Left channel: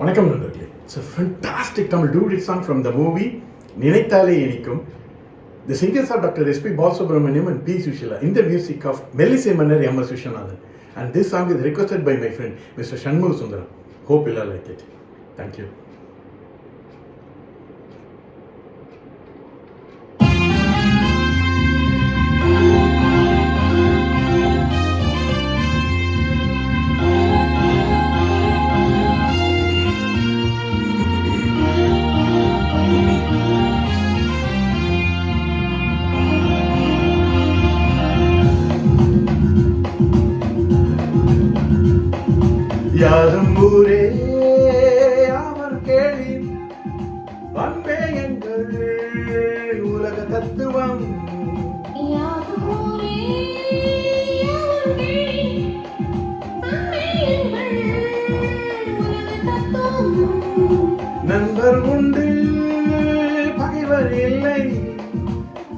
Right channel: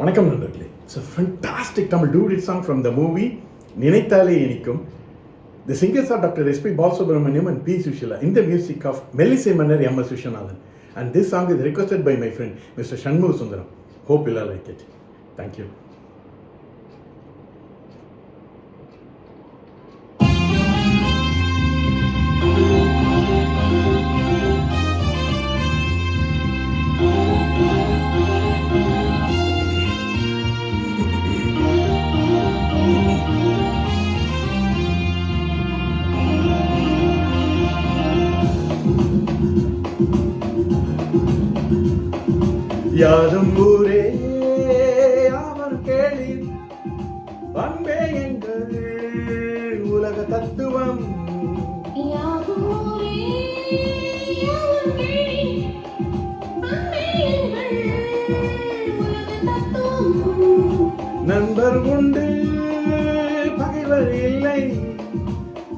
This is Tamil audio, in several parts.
வணக்கம் நண்பர்களே. It's a fantastic Tamil duet song from the movie நினைத்தாலே இனிக்கும். The singers are Dr. S.P. Balasubramaniam and P. Sushila in the music of Melissy Manner M. S. Vishwanathan. And this song is requested by my friend Mr. Shanmugha Sundaram. Hope you'll like it. Thank you. யாரும் ஊரே அவர் கேளி அன்பே எங்கள் உலக தத்துவம். நண்பர் உண்டு பகைவர் இல்லை,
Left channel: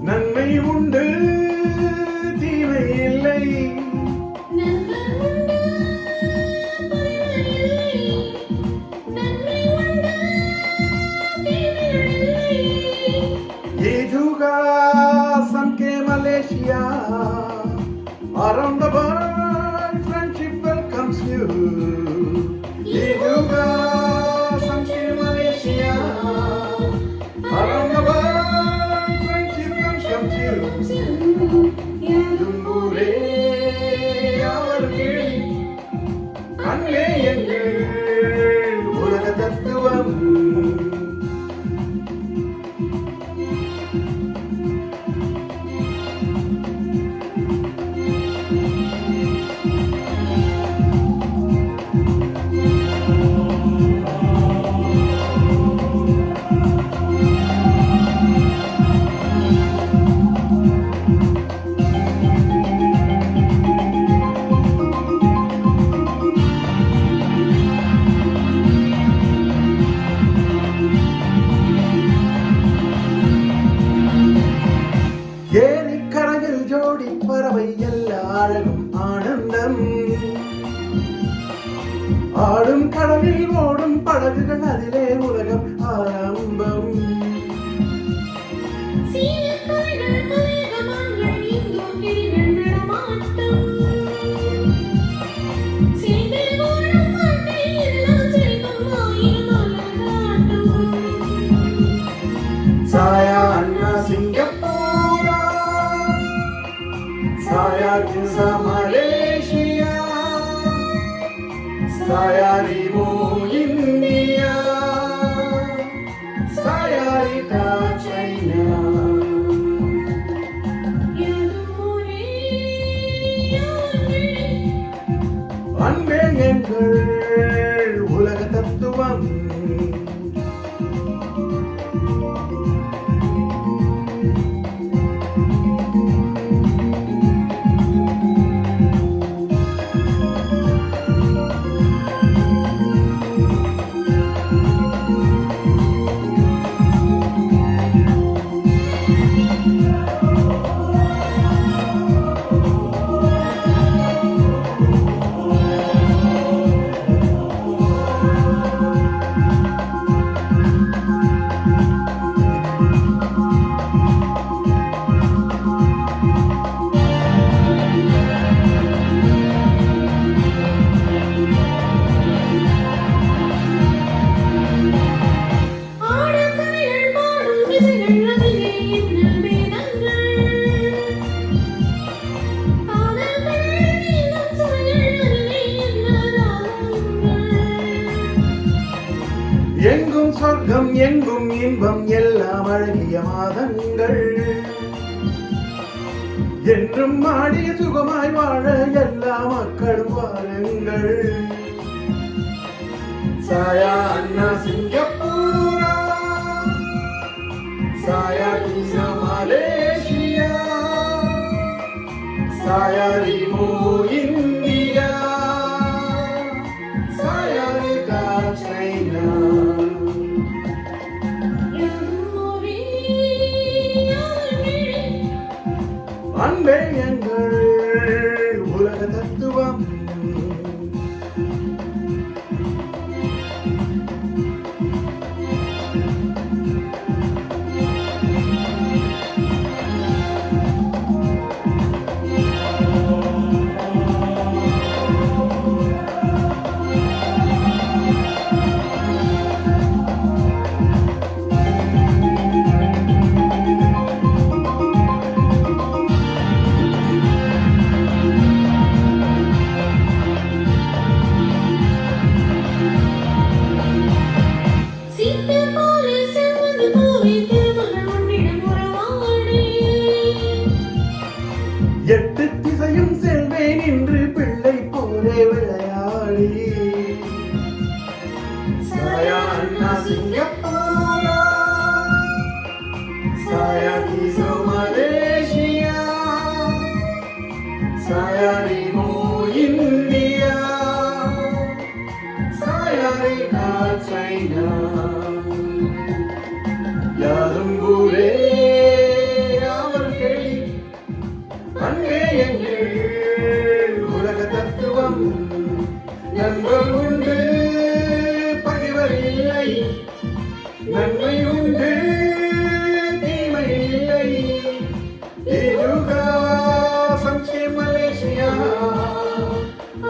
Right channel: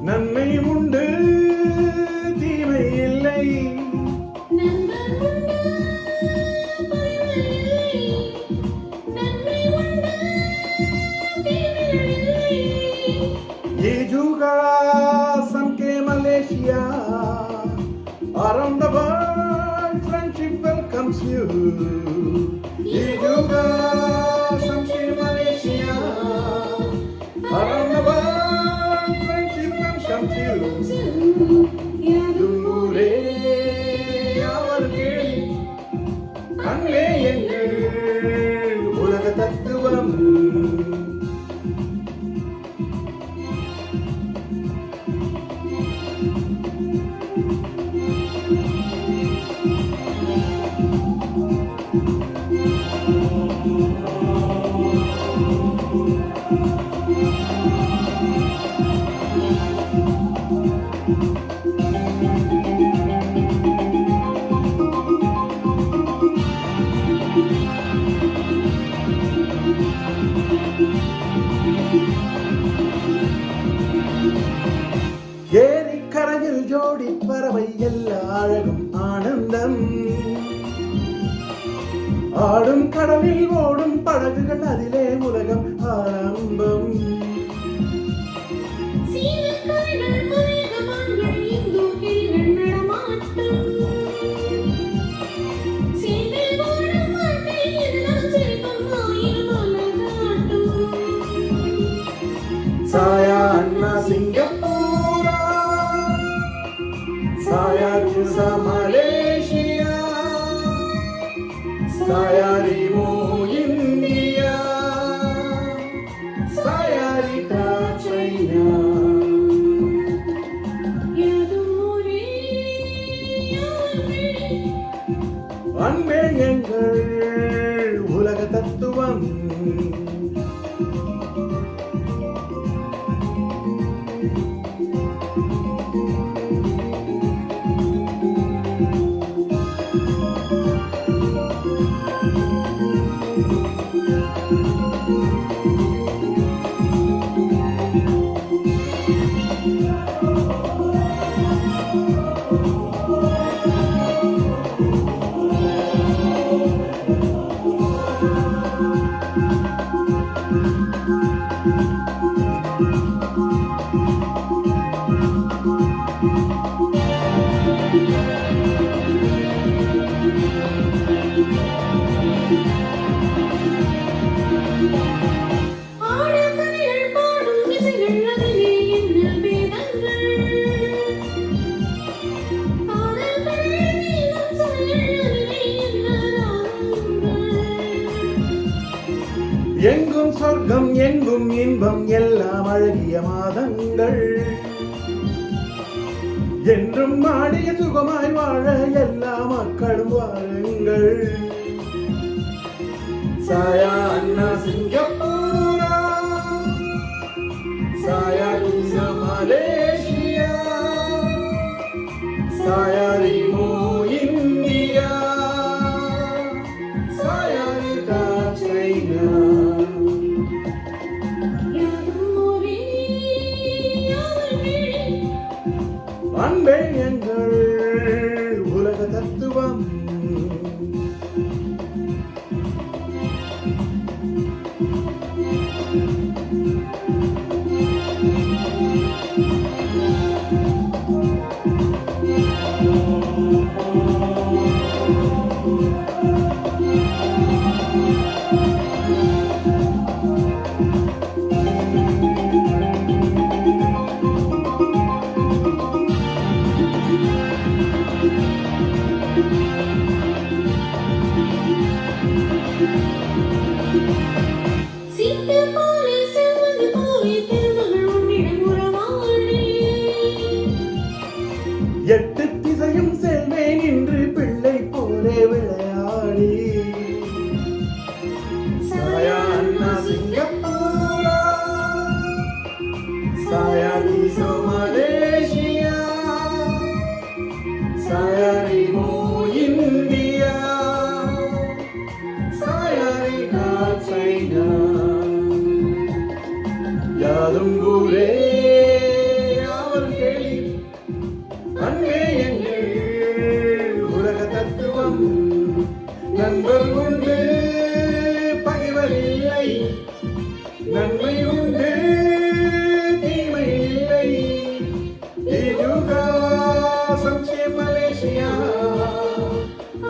நன்மை உண்டு தீமை இல்லை. ये जुगा सन के Malaysia, around the world friendship welcomes you. ये जुगा सन के Malaysia, around the world friendship welcomes you. தும்பூரே அவர் கேளி அன்பே எங்கள் உலக தத்துவம். ஏரிக்கரையில் ஜோடி பறவை எல்லா அழகும் ஆனந்தம், ஆடும் கடலில் ஓடும் படகுகள் அதிலே உலகம் ஆரம்பம். சாயா அண்ணா சிங்கப்பூரா, saya Kinsa Malaysia, saya Rimu India, saya Rita China. அன்பே எங்கள் உலக தத்துவம். எங்கும் சொர்க்கம் எங்கும் இன்பம் எல்லாம் அழகிய மாதங்கள், என்றும் ஆடிய சுகமாய் வாழ எல்லா மக்களும் வாருங்கள். சாயா அண்ணா சிங்கப்பூரா, சாயா கீசா மலேசியா, சாயா ரிமு இந்தியா, சாயா ரிகா சைனா. அன்பே எங்கள் உலக தத்துவம். Saya Anna Singapura, saya Indo Malaysia, saya Rimo India, saya Rinat China. யாதும் ஊரே அவர் கேள்வி அன்பே எங்கள் உலக தத்துவம் நண்பர் உண்டு பகைவர் இல்லை நன்மை உண்டு தீமை இல்லை இதுகா சம்சே Malaysia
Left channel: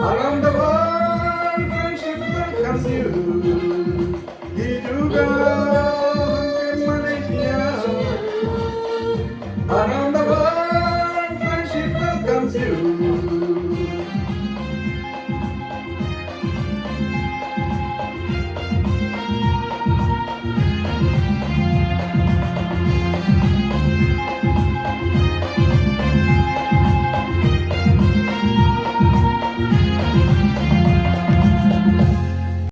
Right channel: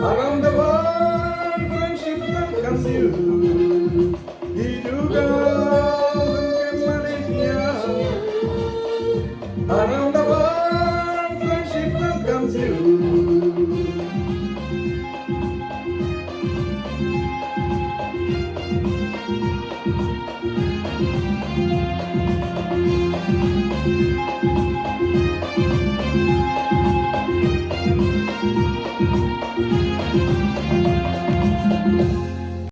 around the world friendship welcomes you இதுகா சம்சே Malaysia around the world friendship welcomes you